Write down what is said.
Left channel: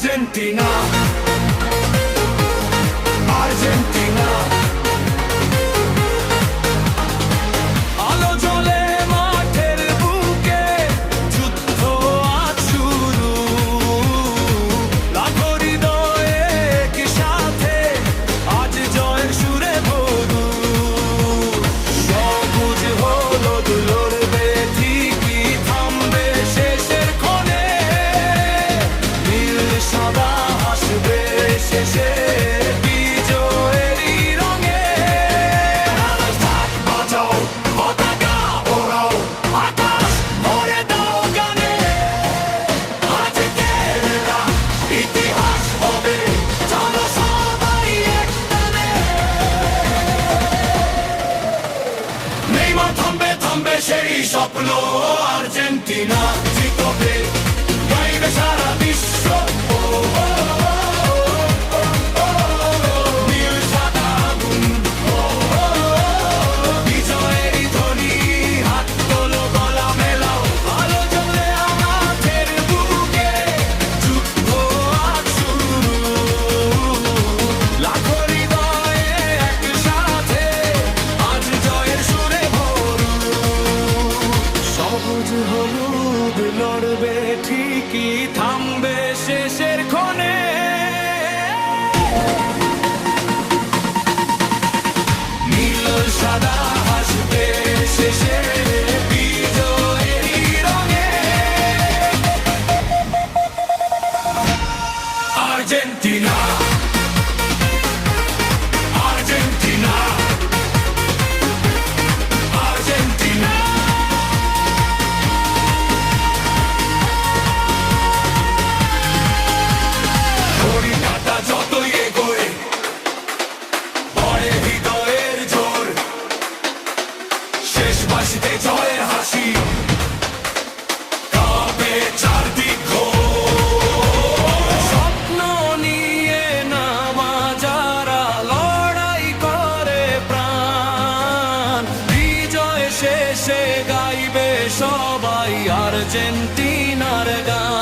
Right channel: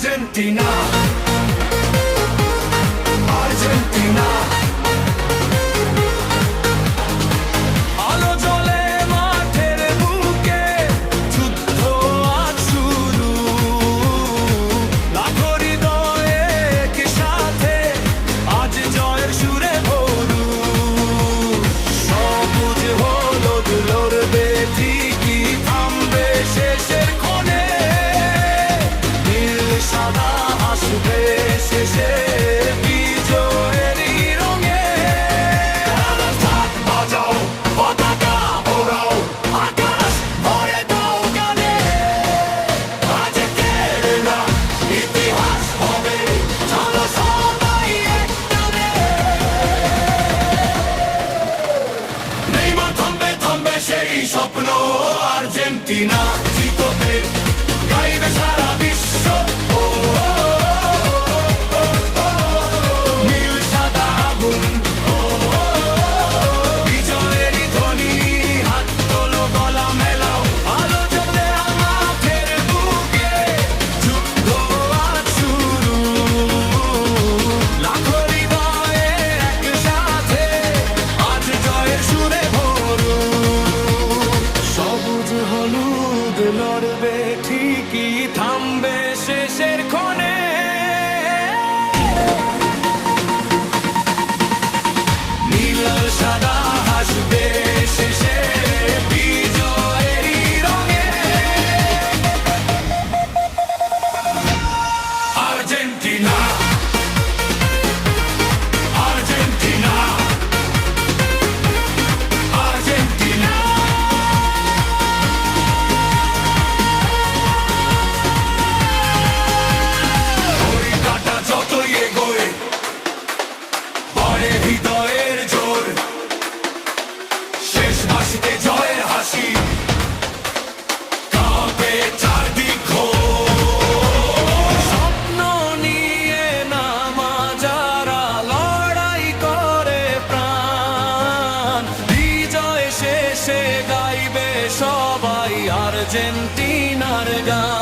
Argentina, Argentina. আলো জ্বলে মাঠের বুকে, যুদ্ধ আজ শুরু। লাখো হৃদয়ে একসাথে, আজ জয়ের সুরে ভরু। সবুজ হলুদ লড়বে ঠিকই, থামবে শেষের ক্ষণে। নীল সাদা আসবে শেষে, বিজয়েরই রঙে। থাক বাজাও পতাকা ওড়াও, আকাশ ভরে দাও গানে। আজ খেলা ইতিহাস হবে, চলো সবাই এক টানে। নেইমার থামবে থামবে সেই স্বপ্ন, আর্জেন্টিনা জিতবে, গাইবে সারা বিশ্ব। ও, ও, ও, ও, ও, নীল সাদা আগুন, ও, ও, ও, বিজয়েরই ধ্বনি। হাত তোলো, গলা মেলাও, আলো জ্বলে আমাদের বুকে, যুদ্ধ আজ শুরু। লাখো হৃদয়ে একসাথে, আজ জয়ের সুরে ভরু। সবুজ হলুদ লড়বে ঠিকই, থামবে শেষের ক্ষণে। নীল সাদা হাসবে শেষে, বিজয়েরই রঙে। Argentina, Argentina, Argentina. ঘড়ি কাঁটা যতই এগোয়, বাড়ে হৃদয়ের জোর। শেষ বাঁশিতে জয়ের হাসি, কাঁপে চারদিক ঘোর। স্বপ্ন নিয়ে নামা যারা, লড়াই করে প্রাণ। বিজয় শেষে গাইবে সবাই আর্জেন্টিনার গান।